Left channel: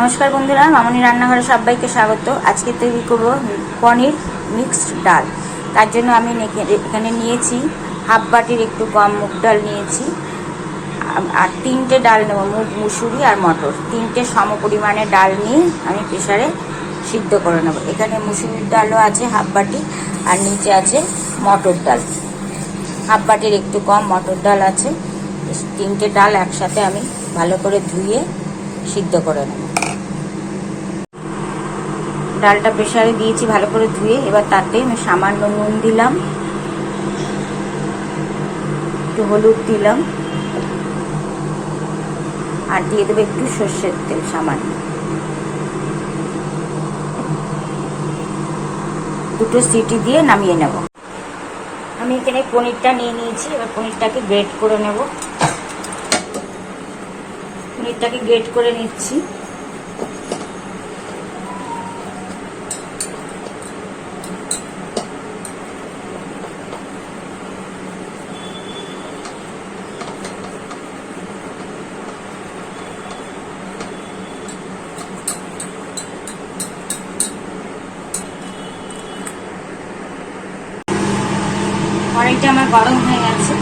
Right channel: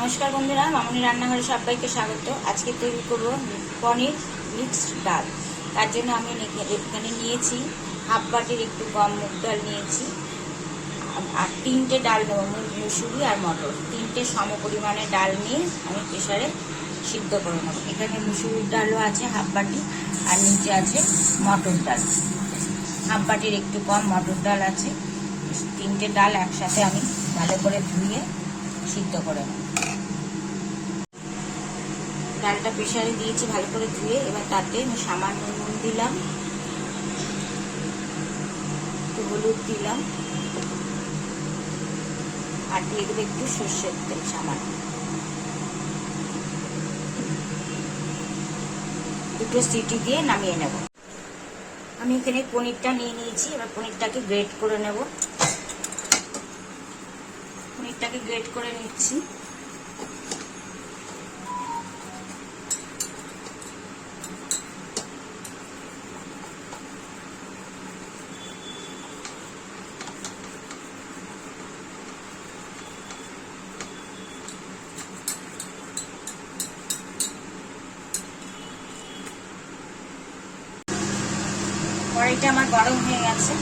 নমস্কার বন্ধুরা, মামনি রান্নাঘরে সবাইকে স্বাগত। আজকে তৈরি করব পনির মিক্সড ডাল। তার জন্য আমি এখানে নিয়েছি হাফ বাটির একটু কম মুগ ডাল নিয়েছি, আর 3টে ডাল নেব, মুগ, মুসুরি আর মটর। 3টে সম পরিমাণে ডাল নিয়ে আমি প্রেসারে সিদ্ধ করে নেব। এখানে মুসুরির ডালও আছে হাফ বাটি, আর নিচে আছে মটর ডাল, হাফ বাটির একটু কম মটর ডাল আছে। 3টে ডাল একসাথে আমি ভালো করে ধুয়ে সিদ্ধ করে নেব। ডালটা প্রেসারে দিয়েছি ভালো করে ধুয়ে। এবার তাতে আমি সামান্য নুন দিলাম, একটু হলুদ দিলাম, আর দিয়ে দেবো একটু সর্ষের তেল সামান্য। 2টো সিটি দিয়ে নামিয়ে নেব। আমি এখানে পনিরটা নিয়ে নিয়েছি। এবার পনিরটাকে গ্রেট করে নেব। পনিরটাকে গ্রেট করে নিচ্ছি। কড়াইটা আমার গরম হয়ে গেছে,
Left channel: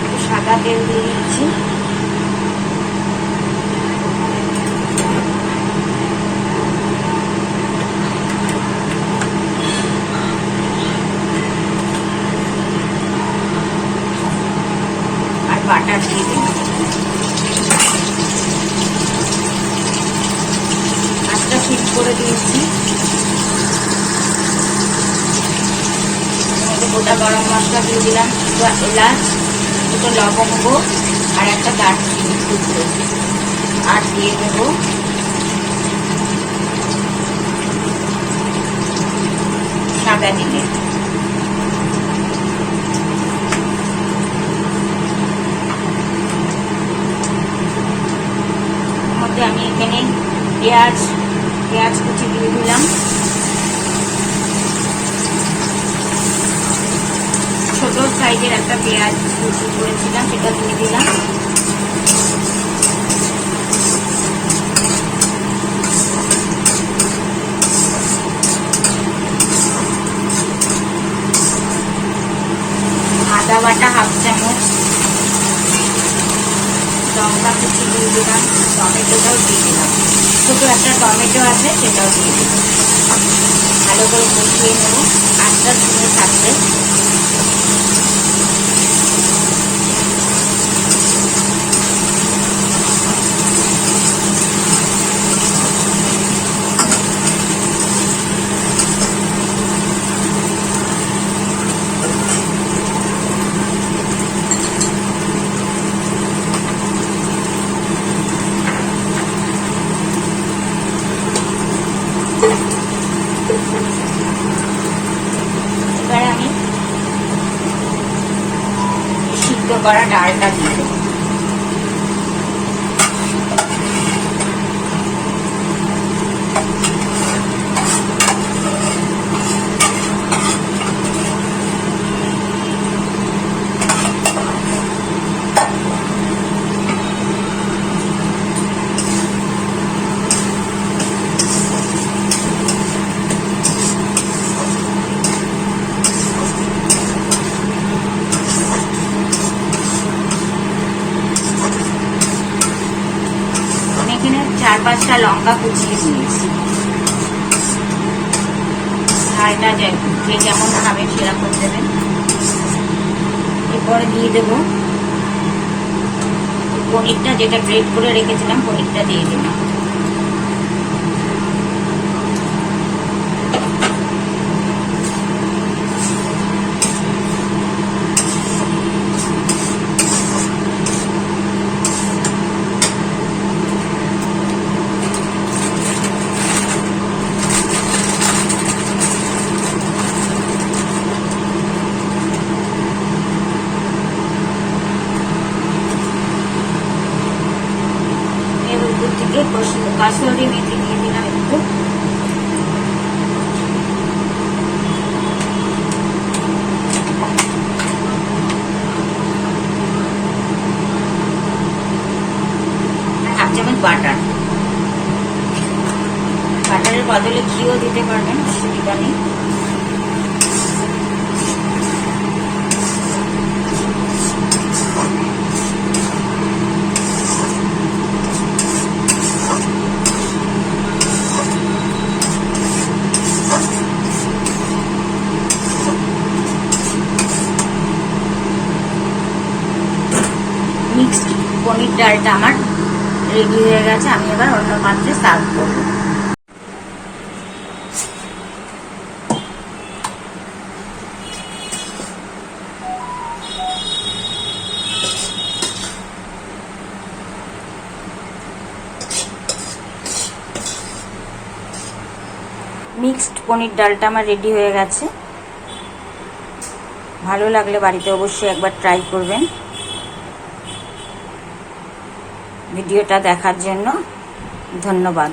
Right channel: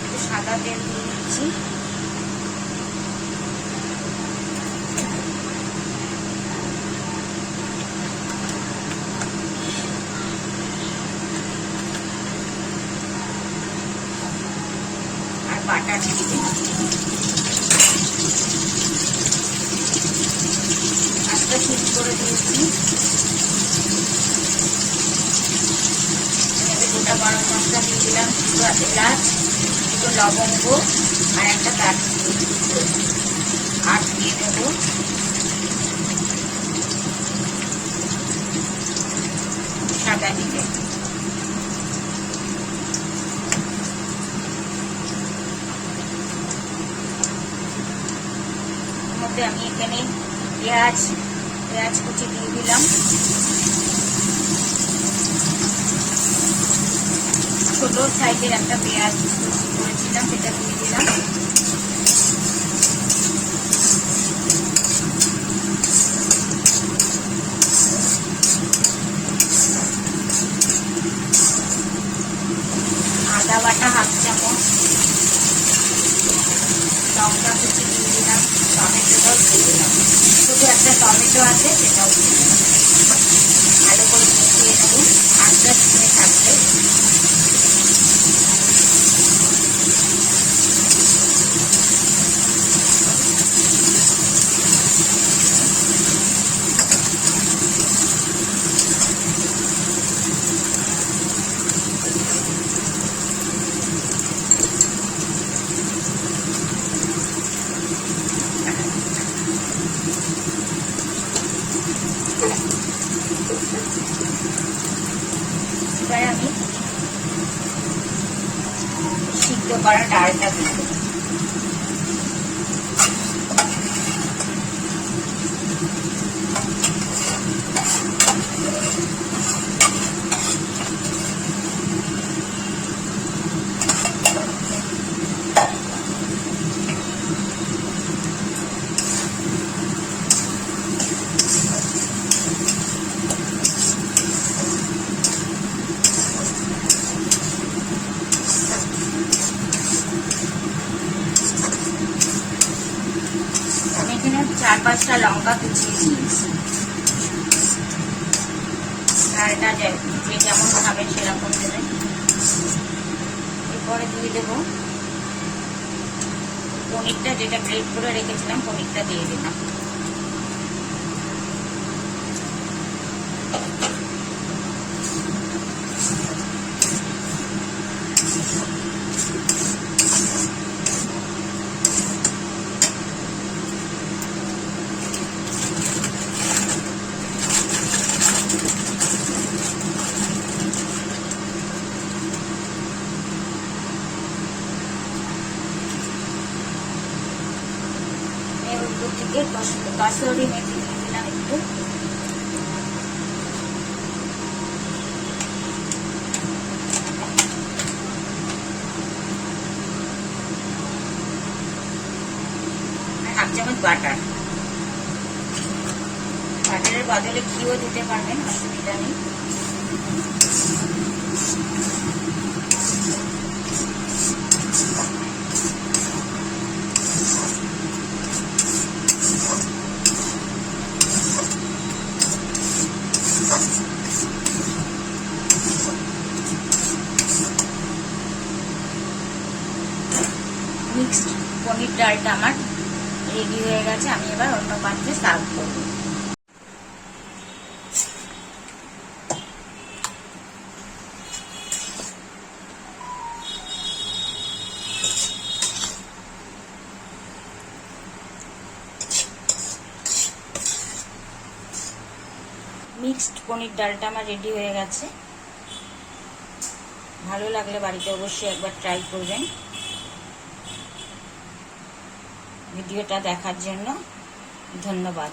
একটু সাদা তেল দিয়ে দিচ্ছি। আর বাটার দিয়ে দিই। আজটা ফিট করে দিয়েছি। গোটা গরম মশলা দিয়ে দিলাম, এলাচ, এটা লবঙ্গ আর একটা দারচিনি টুকরো, আর দিয়ে দেবো সাদা জিরে। মধ্যে আমি এখানে পেঁয়াজ কুচি দিয়ে দিলাম। ছোট সাইজের একটা পেঁয়াজ কুচি করেছিলাম, সেটা দিয়ে দিলাম। আদা বাটা হাফ চামচ, লঙ্কা কুচি দিয়ে দিলাম, টমেটোটাও দিয়ে দিলাম। ছোট একটা টমেটো আছে, সেটাও দিয়ে দিলাম। ভালো করে কষিয়ে নেব, আস্তে আস্তে থাকবে। এবারে আমি সিদ্ধ করা ডালটা দিয়ে দেবো। এখানে 4-5টা লঙ্কা কুচিয়ে দিয়েছি। ঝালটা যে যেমন খাবেন সেরকম দেবেন। এরপরে দিয়ে দেবো পনিরটা, যেটা গ্রেট করে রেখেছিলাম, পনিরটা দিয়ে দিলাম। কাসুরি মেথি দিয়ে দিলাম একটু। হাফ চামচ বাটার। বাটারের বদলে ঘিও দিতে পারবেন, অসুবিধা নেই। মিক্সড পনির ডালটা আমার রেডি হয়ে গেছে। আমি এবার অন্য পাত্রে সার্ভ করব। মিক্সড পনির ডালটা আমার রেডি হয়ে গেছে। ভালো লাগলে বাড়িতে অবশ্যই একবার ট্রাই করবেন। ভিডিওটা দেখার জন্য ধন্যবাদ।